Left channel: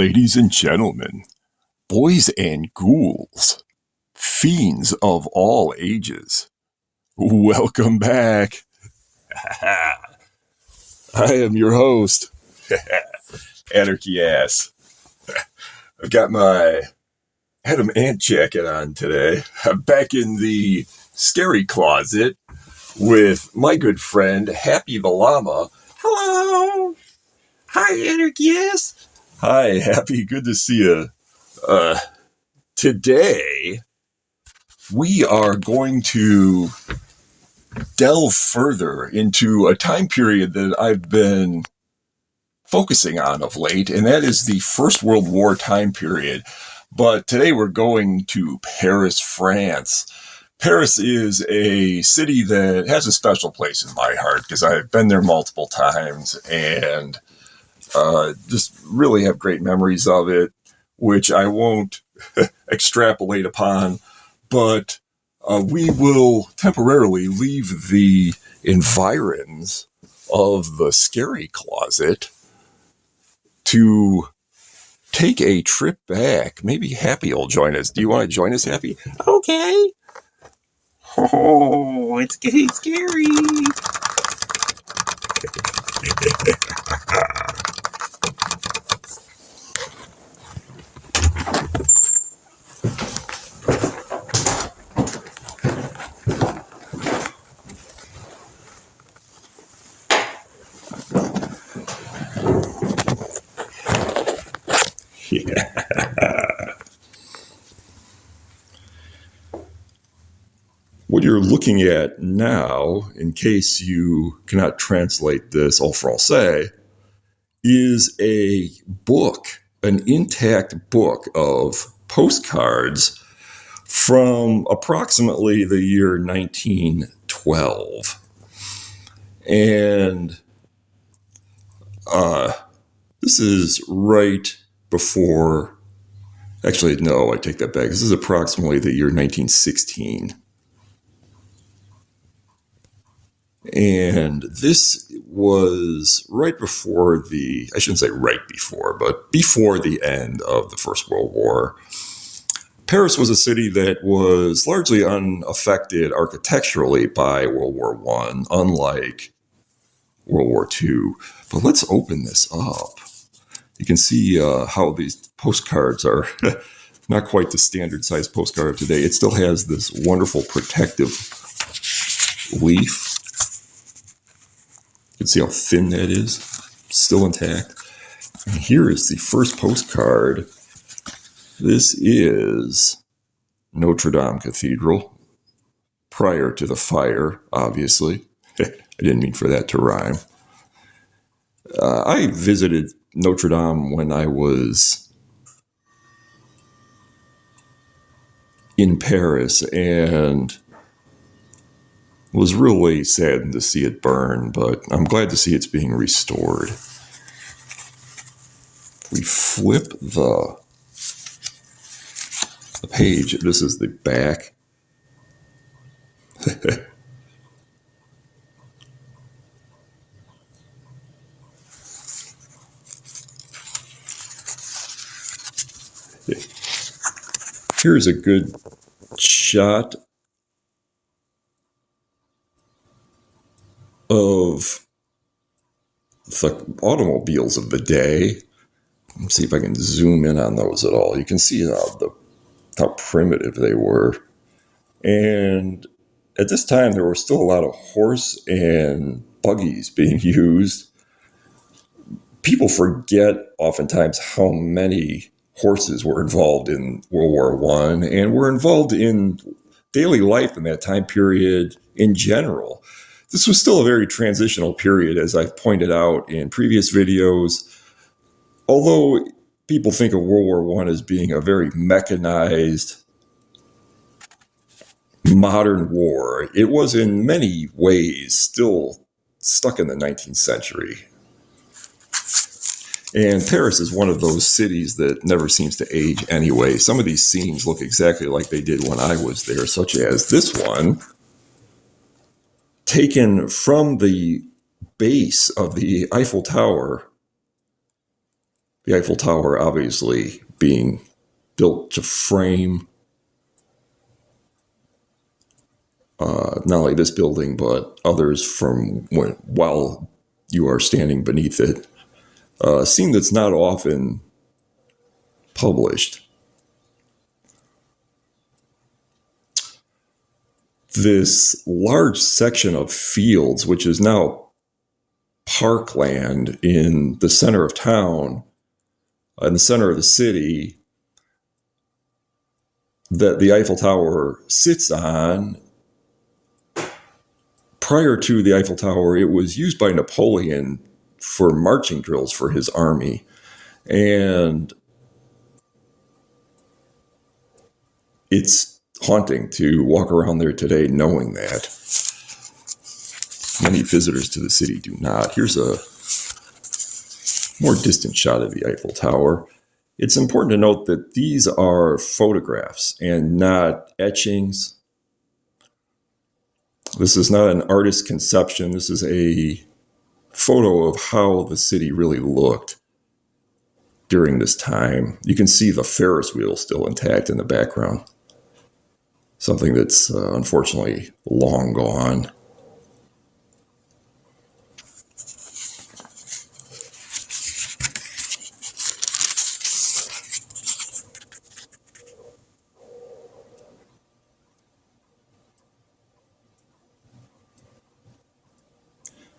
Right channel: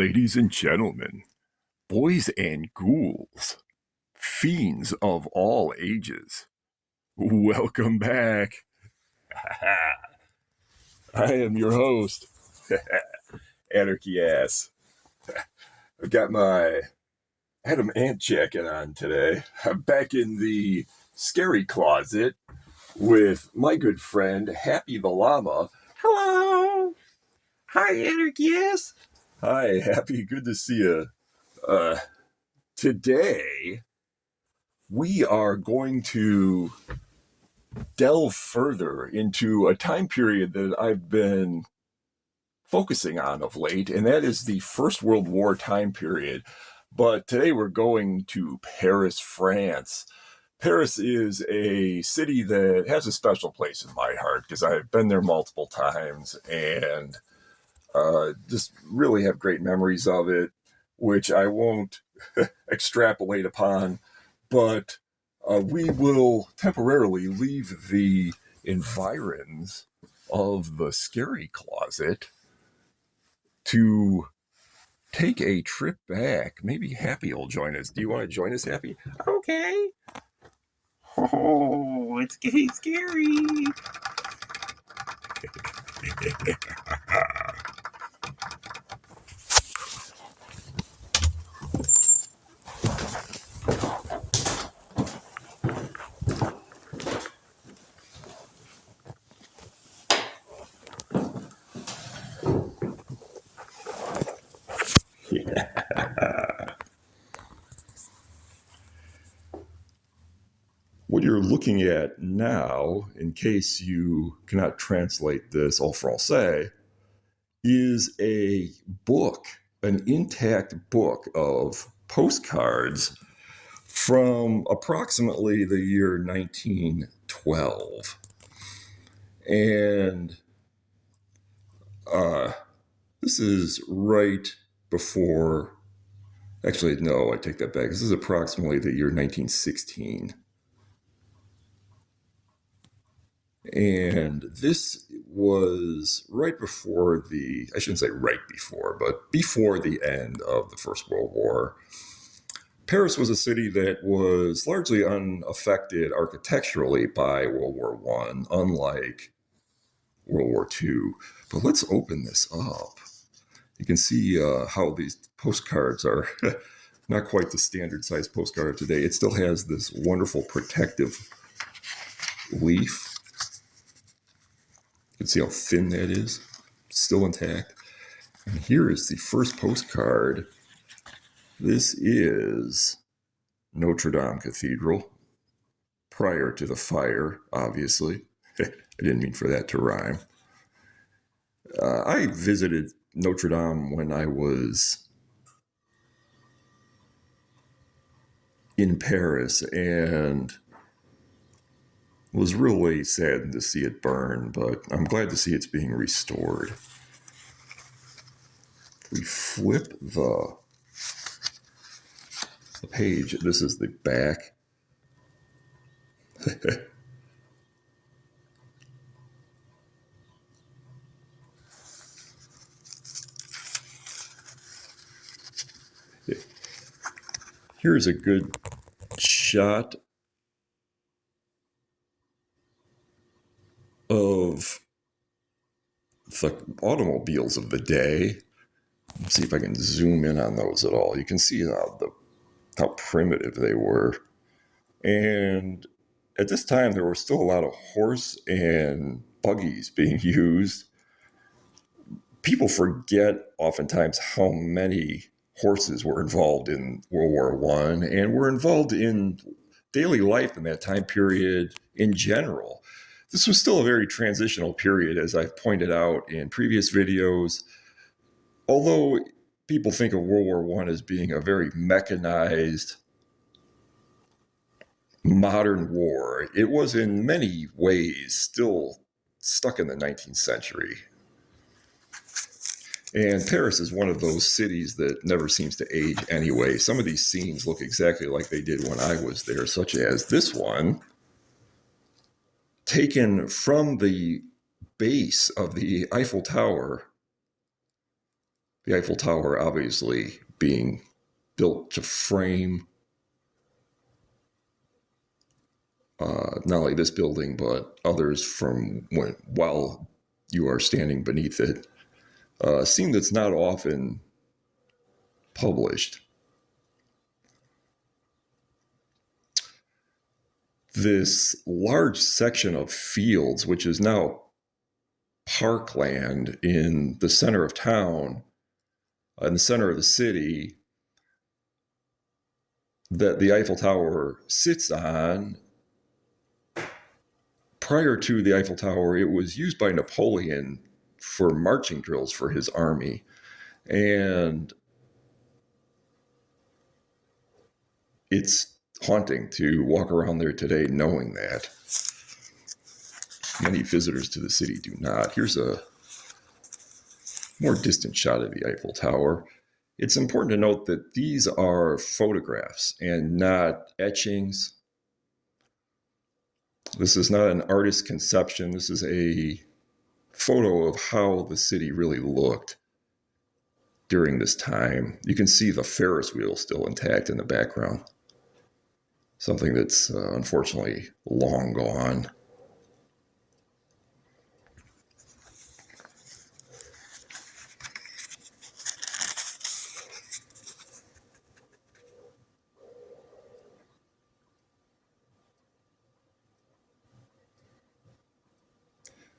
Ladies and gentlemen, boys and ghouls, fiends of all ages, welcome back. I am your host, Anarchy Ass. I've got my Adam Ant jacket on today. I'm back in the scary closet with my good friend, Happy the Llama. Hello! Hi, Anarchy Ass. Hi, Happy. Good to see you. Today, we are going to delve further into a time period that I've been focusing on of late, and that is the First World War time period. But today we're going to Paris, France. Paris is a city that has a special place in my heart because I've been there multiple times and just really have great memories of it, which I won't extrapolate upon, but we will temporarily leave the environs of the scary closet to take a trip back. Maybe Happy will join us. Do you want to join us, Happy? Okay. Oh, it's getting scary. What you're looking at now, in case you cannot translate this en français, is a book, an intact book of postcards from approximately the year 1912. And this is right before, actually, no, I take that back. This is approximately the year 1916. And this was right before I shouldn't say right before, but before the end of the First World War. Paris was a city that was largely unaffected architecturally by World War I, unlike World War II. But let's open this up. You can see how these postcards are not quite the standard size postcard of today. It still has this wonderful protective leaf. You can see how thin that is, still intact. And here is the first postcard. This is Notre Dame Cathedral, prior to the fire, obviously. I didn't mean for that to rhyme. I visited Notre Dame when I was in Paris and was really saddened to see it burn, but I'm glad to see it's being restored. We flip the page. This is the back. Here's a good shot of the automobiles of the day. Let's see if I can zoom in on those at all. You can see how primitive they were. And at this time, there were still a lot of horse and buggies being used. People forget oftentimes how many horses were involved in World War I and were involved in daily life in that time period in general. This was still a very transitional period, as I've pointed out in previous videos. Although people think of World War I as being a very mechanized, modern war, it was in many ways still stuck in the 19th century. And Paris is one of those cities that never seems to age anyway. Some of these scenes look exactly like they did when I was there, such as this one, taken from the base of the Eiffel Tower The Eiffel Tower obviously being built to frame not only this building, but others from while you are standing beneath it. A scene that's not often published. This large section of fields, which is now parkland in the center of town, in the center of the city, that the Eiffel Tower sits on. Prior to the Eiffel Tower, it was used by Napoleon for marching drills for his army. And it's haunting to walk around there today knowing that. Many visitors to the city do not. Here's a more distant shot of the Eiffel Tower. It's important to note that these are photographs and not etchings. This is not an artist's conception. This is a photo of how the city really looked during this time. You can see the Ferris wheel still intact in the background. Something that's unfortunately long gone.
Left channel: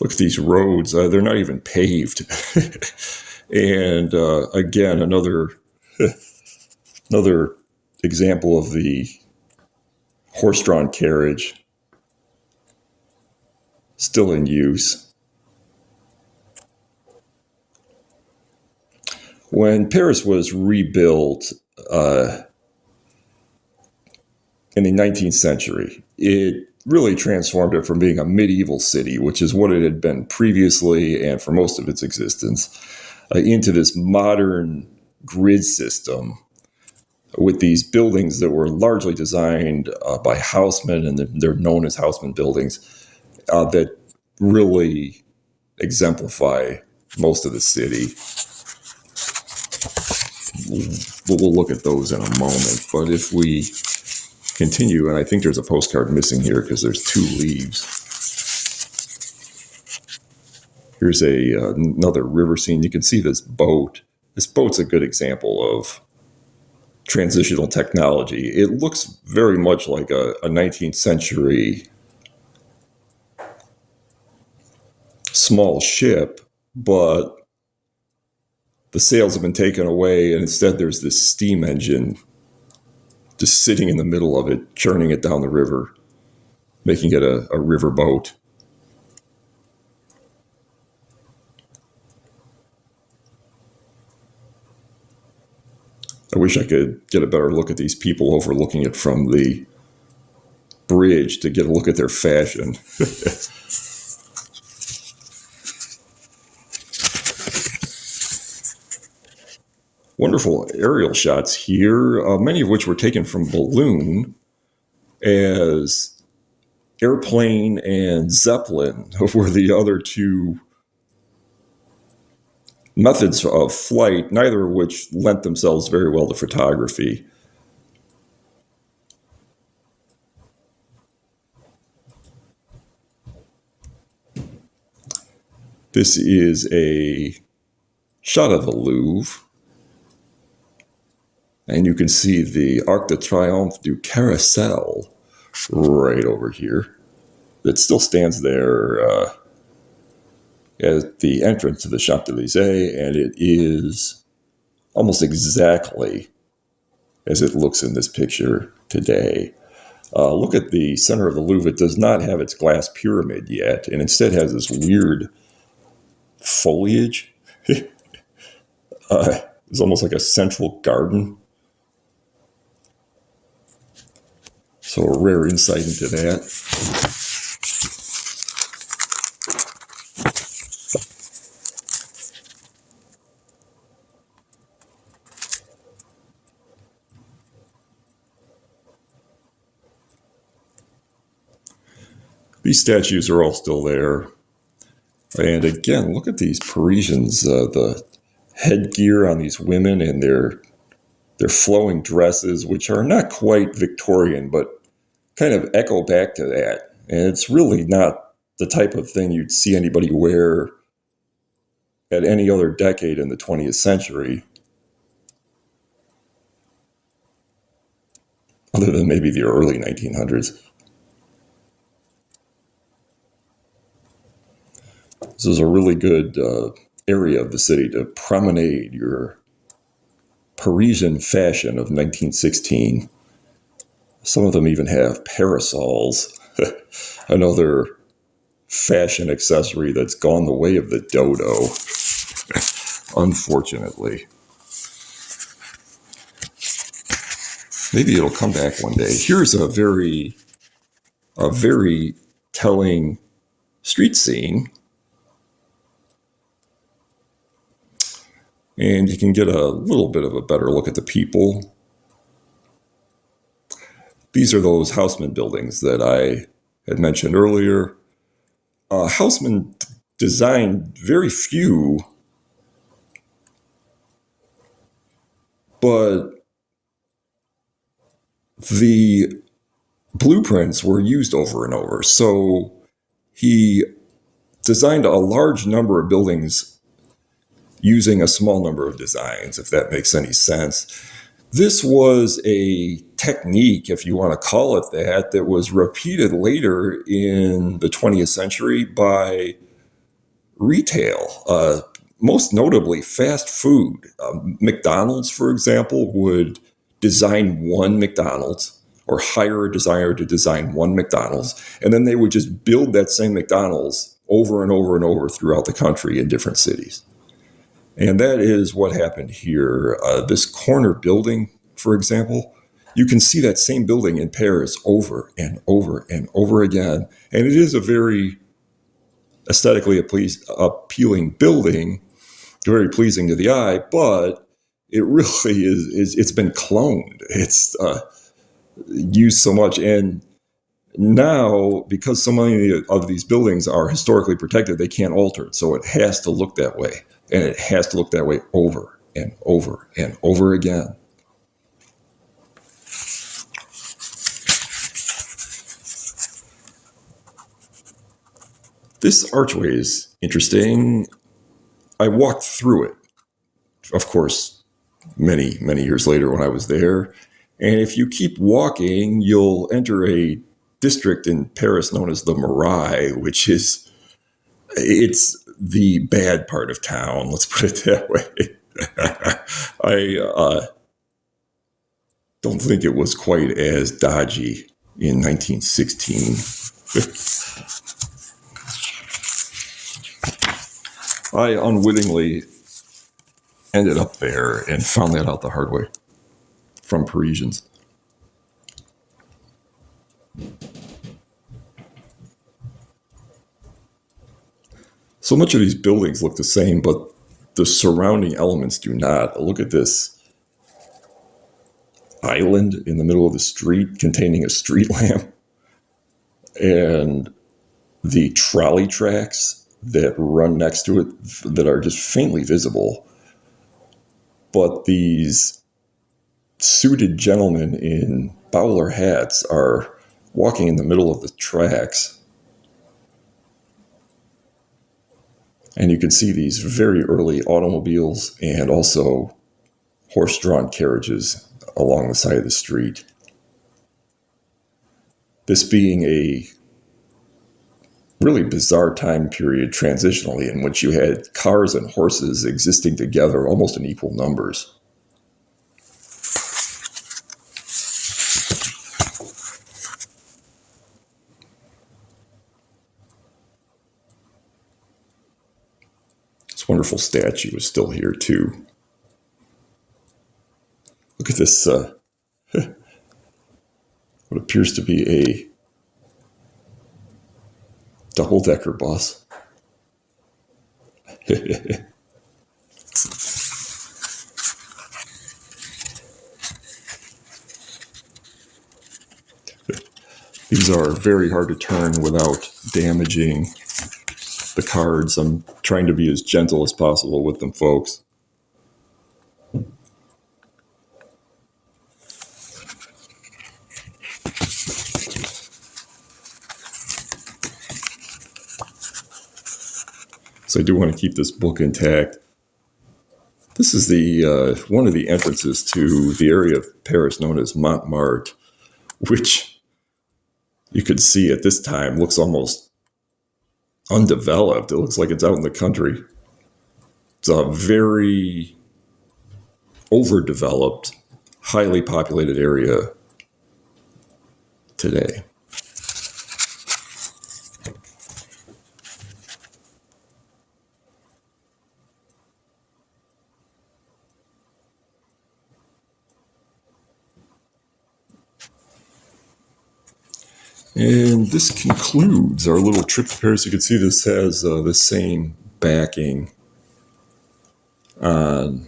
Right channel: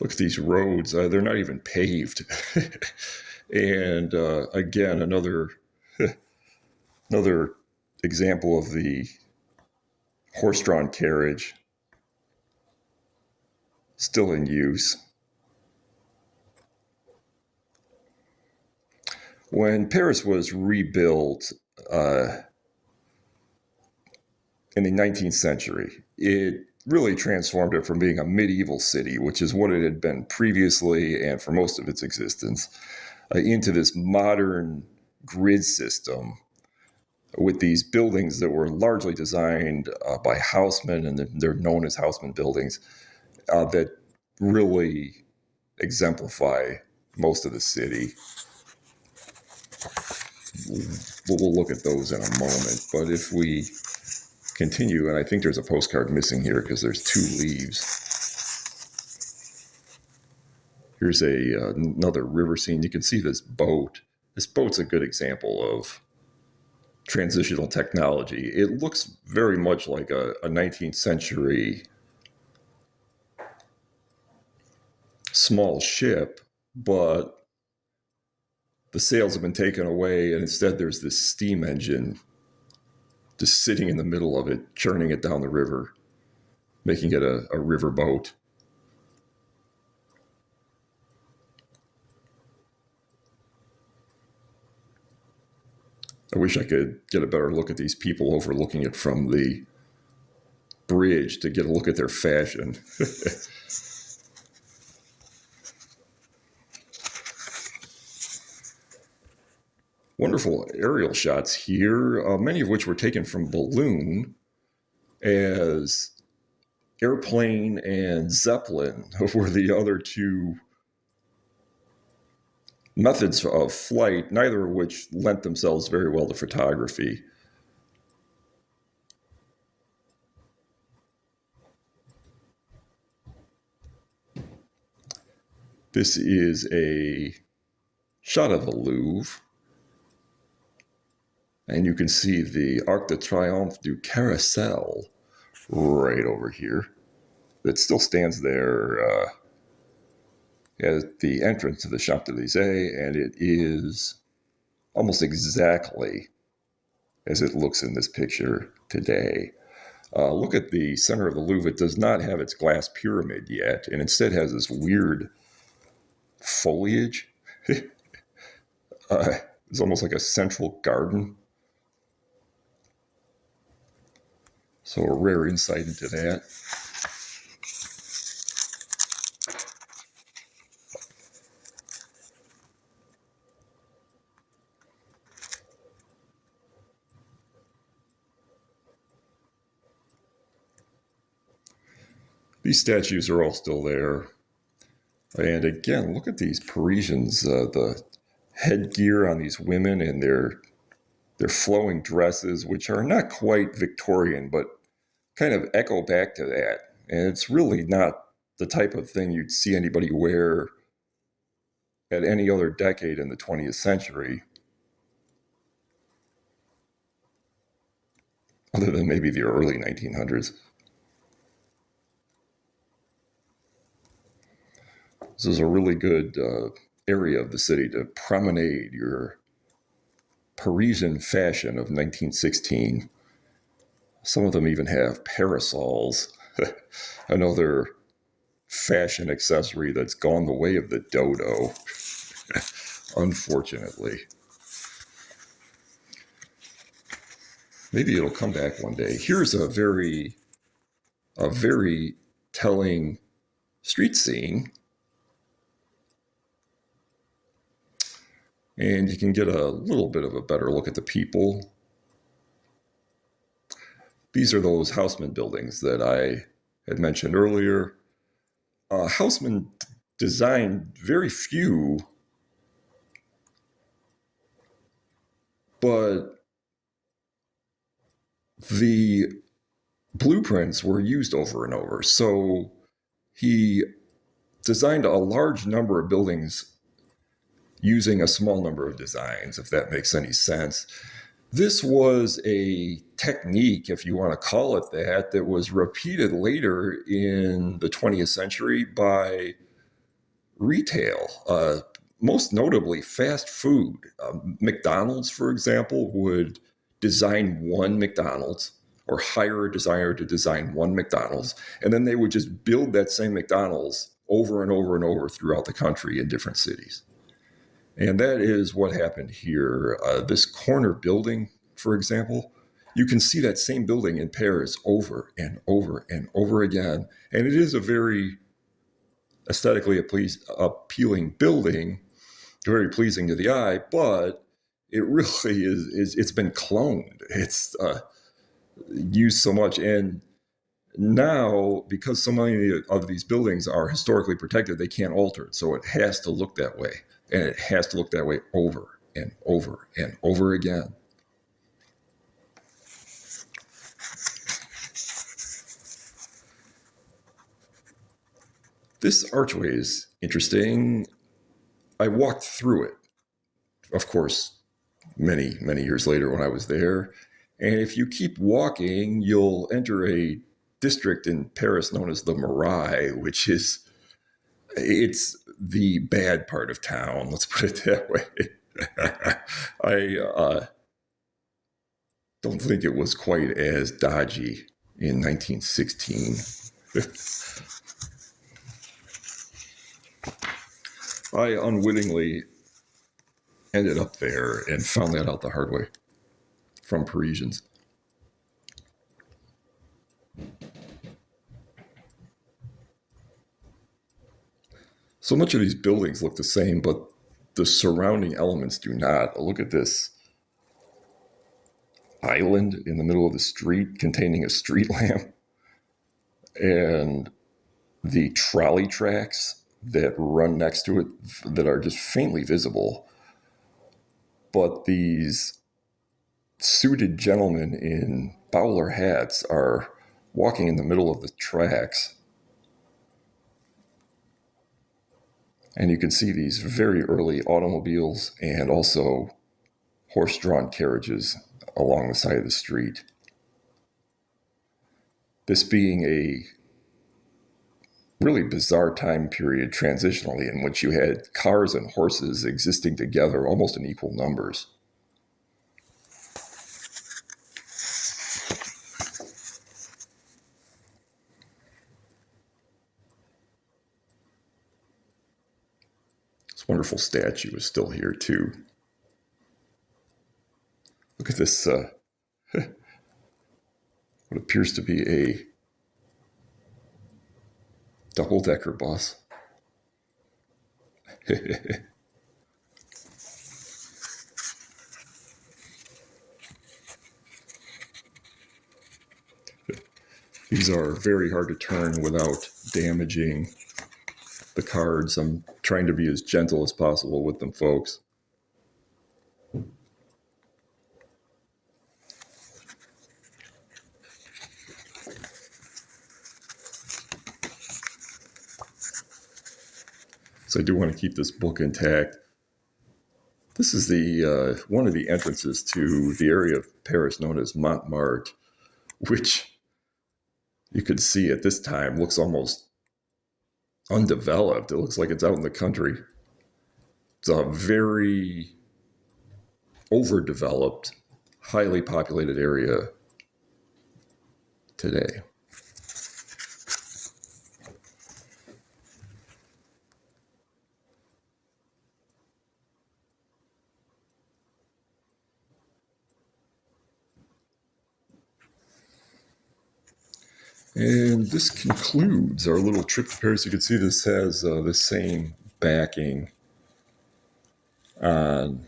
Look at these roads. They're not even paved. And again, another example of the horse-drawn carriage still in use. When Paris was rebuilt in the 19th century, it really transformed it from being a medieval city, which is what it had been previously and for most of its existence, into this modern grid system with these buildings that were largely designed by Haussmann, and they're known as Haussmann buildings, that really exemplify most of the city. We'll look at those in a moment, but if we continue, and I think there's a postcard missing here because there's 2 leaves. Here's another river scene. You can see this boat. This boat's a good example of transitional technology. It looks very much like a 19th century small ship, but the sails have been taken away, and instead there's this steam engine just sitting in the middle of it, churning it down the river, making it a river boat. I wish I could get a better look at these people overlooking it from the bridge to get a look at their fashion. Wonderful aerial shots here, many of which were taken from balloon, as airplane and Zeppelin were the other 2 methods of flight, neither of which lent themselves very well to photography. This is a shot of the Louvre, and you can see the Arc de Triomphe du Carrousel right over here. It still stands there at the entrance to the Champs-Élysées, and it is almost exactly as it looks in this picture today. Look at the center of the Louvre. It does not have its glass pyramid yet, and instead has this weird foliage. It's almost like a central garden. So a rare insight into that. These statues are all still there. And again, look at these Parisians, the headgear on these women and their flowing dresses, which are not quite Victorian, but kind of echo back to that. And it's really not the type of thing you'd see anybody wear at any other decade in the 20th century, other than maybe the early 1900s. This is a really good area of the city to promenade your Parisian fashion of 1916. Some of them even have parasols, another fashion accessory that's gone the way of the dodo, unfortunately. Maybe it'll come back one day. Here's a very telling street scene. And you can get a little bit of a better look at the people. These are those Haussmann buildings that I had mentioned earlier. Haussmann designed very few, but the blueprints were used over and over. So he designed a large number of buildings using a small number of designs, if that makes any sense. This was a technique, if you want to call it that, that was repeated later in the 20th century by retail, most notably fast food. McDonald's, for example, would design one McDonald's or hire a designer to design one McDonald's, and then they would just build that same McDonald's over and over and over throughout the country in different cities. And that is what happened here. This corner building, for example, you can see that same building in Paris over and over and over again. And it is a very aesthetically appealing building, very pleasing to the eye, but it really is it's been cloned. It's used so much. And now, because so many of these buildings are historically protected, they can't alter it. So it has to look that way. And it has to look that way over and over and over again. This archway is interesting. I walked through it, of course, many, many years later when I was there. And if you keep walking, you'll enter a district in Paris known as the Marais, which is, it's the bad part of town, let's put it that way. I don't think it was quite as dodgy in 1916. I unwittingly ended up there and found that out the hard way from Parisians. So much of these buildings look the same, but the surrounding elements do not. Look at this island in the middle of the street containing a street lamp and the trolley tracks that run next to it that are just faintly visible. But these suited gentlemen in bowler hats are walking in the middle of the tracks. And you can see these very early automobiles and also horse-drawn carriages along the side of the street. This being a really bizarre time period transitionally in which you had cars and horses existing together almost in equal numbers. This wonderful statue is still here too. Look at this, what appears to be a double-decker bus. These are very hard to turn without damaging the cards. I'm trying to be as gentle as possible with them, folks. So I do want to keep this book intact. This is the one of the entrances to the area of Paris known as Montmartre, which you could see at this time looks almost undeveloped. It looks like it's out in the country. It's a very overdeveloped, highly populated area today. And this concludes our little trip to Paris. You can see this has the same backing on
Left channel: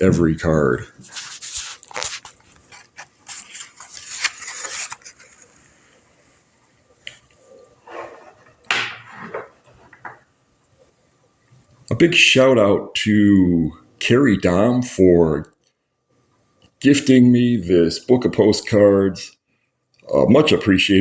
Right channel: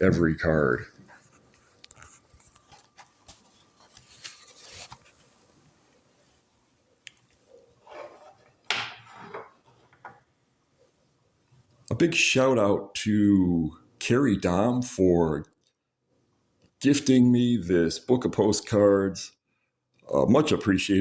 every card. A big shout out to Carrie Dom for gifting me this book of postcards. Much appreciated.